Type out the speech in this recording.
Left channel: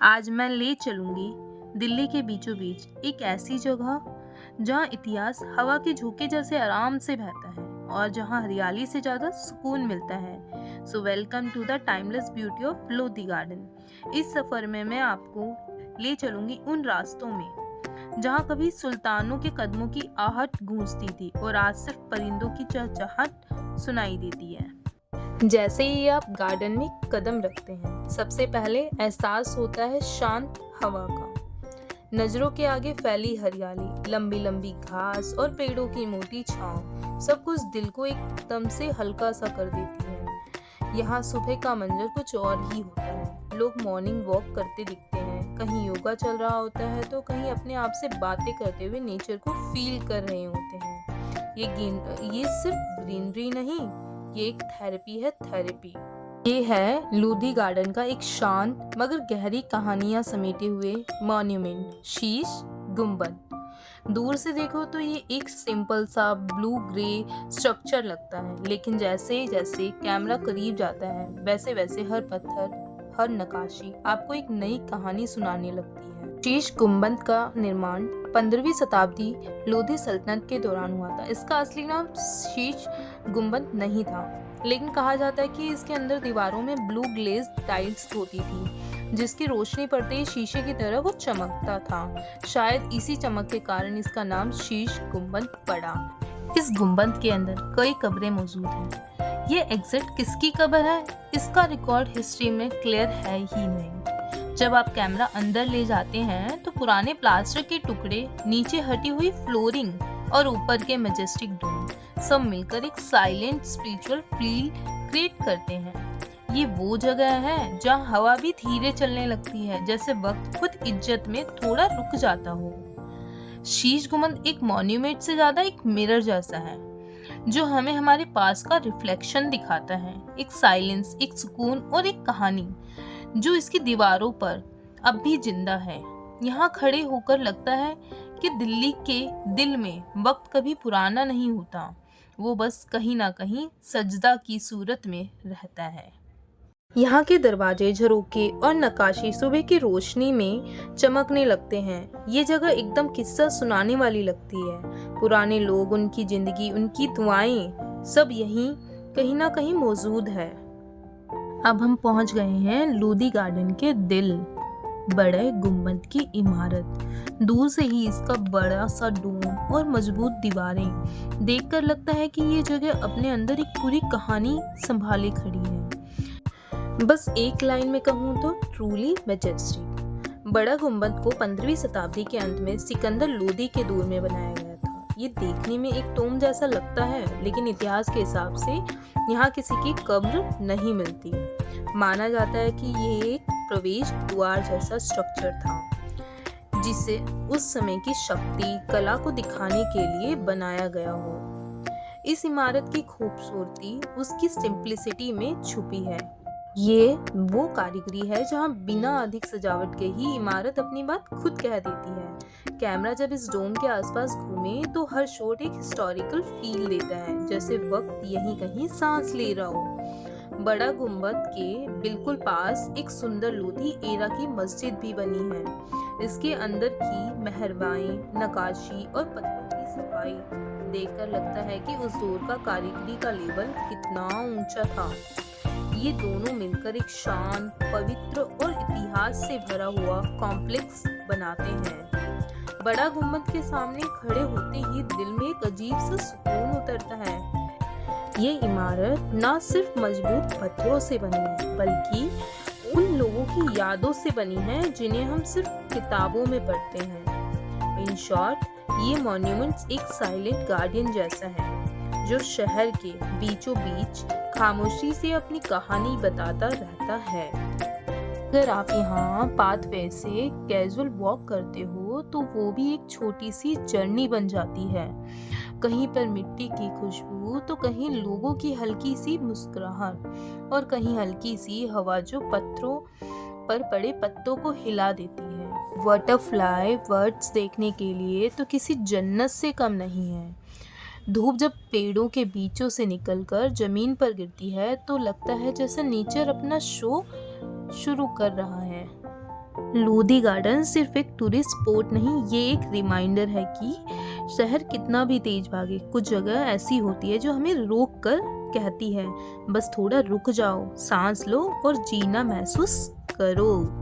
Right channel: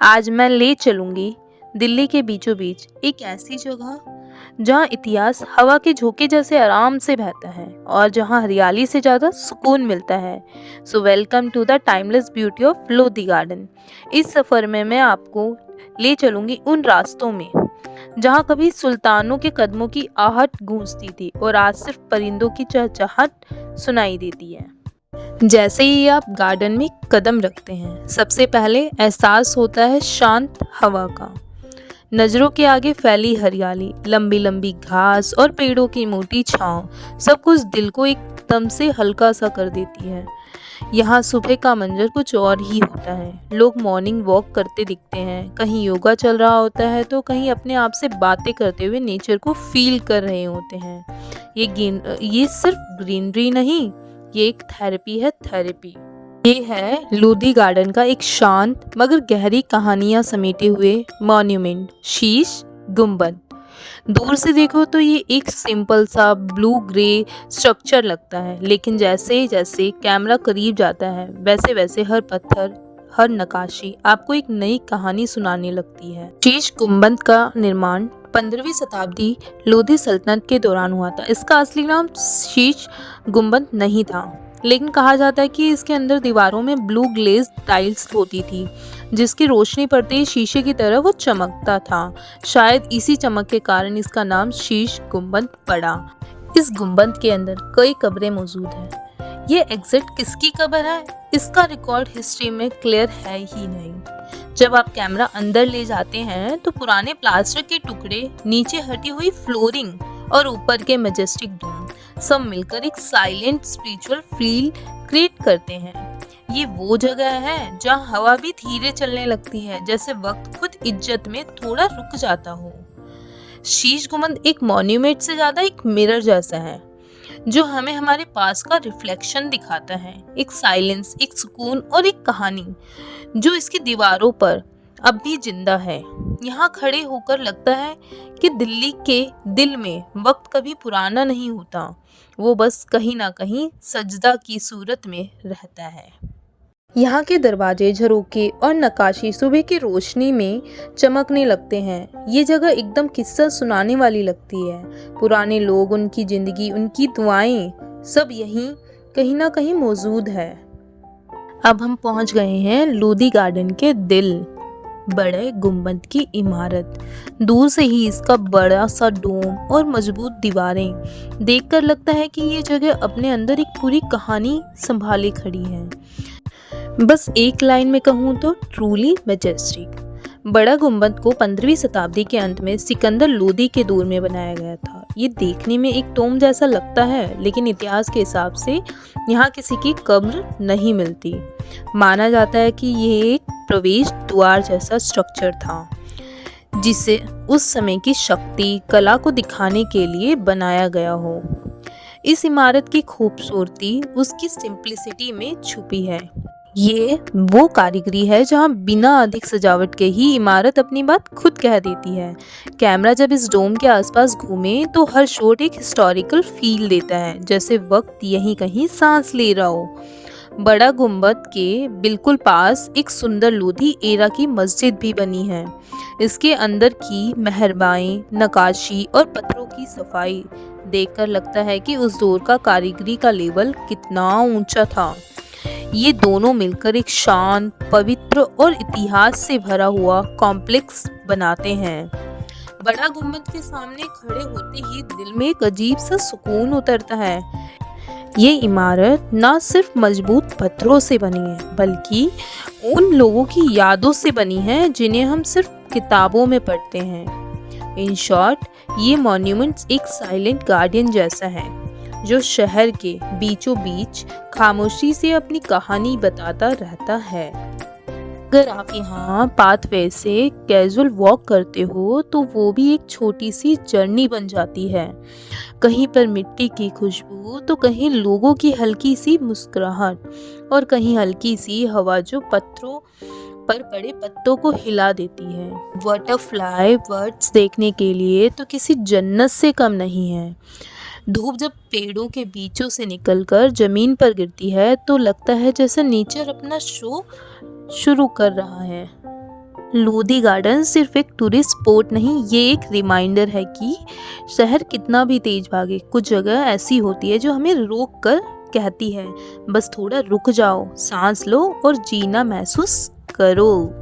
आज मैं ले चलूंगी दिल्ली के बीचों बीच एक ऐसी जगह जहाँ इतिहास हवा के झोंके जैसे आराम से बहता है और जहाँ हरियाली से ज़्यादा सुकून मिलता है। So welcome to the timeless beauty of Lodhi Garden. इस सफ़र में मैं आपको ले चलूंगी उन रास्तों में जहाँ कभी सुल्तानों के कदमों की आहट गूंजती थी और आज सिर्फ परिंदों की चहचहाट सुनाई देती है। जैसे ही आप गार्डन में कदम रखते हैं, सबसे पहले एहसास होता है शांत हवा का। नजरों के आगे फैली हरियाली, लंबी लंबी घास और पेड़ों की मोटी छांव सब कुछ दिल को एकदम से हल्का सा कर देती है। यहाँ सुबह का मंजर कुछ और ही होता है। लोग मॉर्निंग वॉक करते दिखते हैं, कहीं योगा चल रहा होता है तो कहीं अपने आप से बातें करते हुए नेचर को फील कर रहे होते हैं। ये सिर्फ ग्रीनरी नहीं, ये एक थेरेपी है, थेरेपी। ये है लोधी गार्डन का एक शांत मगर गहरी कहानियां समेटे हुए मॉन्यूमेंट, शीश गुंबद। दूर से देखो तो ये एक सिंपल सा ब्लू ग्रे स्ट्रक्चर लगता है, लेकिन जैसे जैसे कैमरा करीब जाता है वैसे वैसे हर पत्थर, हर नक्काशी आपको एक नई कहानी सुनाने लगती है। शीश गुंबद का निर्माण 15वीं शताब्दी लोधी सल्तनत के दौरान हुआ था। इसका असली नाम शीश गुंबद नहीं था, लेकिन कहा जाता है कि इसके अंदर दीवारों में ब्लू ग्लेज टाइल्स होती थी, जिसकी रोशनी पड़ते ही शीशे की तरह वो चमकता था। शायद इसी चमक के कारण इसका नाम शीश गुंबद पड़ा। इस गुंबद के अंदर कई कब्रें मौजूद हैं। ये एग्जैक्ट किसकी कब्र है, इसका रिकॉर्ड हिस्ट्री में क्लियर है ही नहीं। जब आप कैमरा अंदर ले जाते हैं तो पुराने प्लास्टर के टुकड़े, नीचे हटी हुई फ्लोरिंग और ऊपर के मैजेस्टिक डोम सब मिलकर एक साइलेंट स्पिरिचुअल फील क्रिएट करते हैं। ये वो जगह है जहाँ हवा भी धीरे चलने लगती है, जैसे वक्त खुद इज्जत में थोड़ा रुक जाता हो। शीश गुंबद एक मॉन्यूमेंट से ज्यादा एक मिरर जैसा है, जो हमें हमारे पास का रिफ्लेक्शन दिखाता है। एक साइलेंस, एक सुकून और एक कहानी जो इसकी दीवारों पर अब भी जिंदा है। यहाँ खड़े होकर लगता है कि दिल्ली के दिल में वक्त कभी पुराना नहीं होता, वो बस कहीं ना कहीं सजदा की सूरत में रहता है। यहाँ के दरवाजे, झरोके और नक्काशी सुबह की रोशनी में चमकने लगते हैं। ये जगह एकदम किस्सा सुनाने वाली लगती है। पुराने लोग, उनकी जिंदगी, उनकी दुआएं सब यहीं कहीं ना कहीं मौजूद है। अब हम पहुंच गए हैं लोधी गार्डन के दिल, बड़े गुंबद की इमारत। दूर से ही इसका बड़ा सा डोम और मजबूत दीवारें देखकर लगता है कि ये जगह अपने अंदर एक पूरी कहानी संभाले खड़ी है। बस एक लाइन में कहूँ तो ट्रूली मैजेस्टिक। बड़ा गुंबद को 15वीं शताब्दी के अंत में सिकंदर लोदी के दौर में बनाया गया था। ये देखने में एक टोम जैसा लगता है, लेकिन इतिहास के हिसाब से यहाँ किसी की कब्र नहीं मिलती। माना जाता है कि ये एक प्रवेश द्वार जैसा स्ट्रक्चर था, जिसे उस समय की शक्ति, कला को दिखाने के लिए बनाया गया हो। इस इमारत की खूबसूरती उसकी सिंप्लिसिटी में छुपी है। ये वो कारीगरी है जहाँ बिना अधिक सजावट के ही इमारत अपनी बात खुद कह देती है। कैमरा जब इस डोम के आसपास घूमे तो हर शॉट एक हिस्टोरिकल फील देता है, जैसे वक्त यहीं कहीं सांस ले रहा हो। बड़ा गुंबद के बिल्कुल पास एक सुंदर लोधी एरा की मस्जिद भी बनी है। इसके अंदर की मेहरबाई, नक्काशी और पत्थरों की सफाई देखकर लगता है कि उस दौर का कारीगरी का लेवल कितना ऊंचा था। ये दोनों मिलकर एक शांत, पवित्र और इतिहास से भरा हुआ कॉम्प्लेक्स बनाते हैं। बड़ा गुंबद के सामने खड़े होते ही दिल में एक अजीब सा सुकून उतरता है। ये इमारत ना सिर्फ मजबूत पत्थरों से बनी है, बल्कि उन लोगों की यादों से बनी है जिन्हें हम सिर्फ किताबों में पढ़ते हैं। इन शॉर्ट, ये मॉन्यूमेंट्स एक साइलेंट गार्डियन जैसा है, जो शहर के बीचों बीच खामोशी से अपनी कहानी बताता रहता है। अगर आप यहाँ पाथवे से कैजुअल वॉक करते हो तो वो भी एक छोटी सी जर्नी बन जाती है। कहीं पर मिट्टी की खुशबू, तो कहीं लोगों की हल्की सी मुस्कुराहट और कहीं हल्की सी हवा जो पत्थरों पर पड़े पत्तों को हिला देती है। बटरफ्लाई बर्ड्स देखने के लिए तो किसी जन्नत से कम नहीं है। धूप जब पेड़ों के बीचों से निकलकर जमीन पर गिरती है तो लगता है जैसे नेचर अपना शो शुरू कर रहा है। लोधी गार्डन सिर्फ एक टूरिस्ट स्पॉट नहीं, ये एक रिमाइंडर है कि शहर कितना भी तेज भागे, कुछ जगह ऐसी होती है जो हमें रोक कर कहती है, बस थोड़ा रुक जाओ, सांस लो और जीना महसूस करो।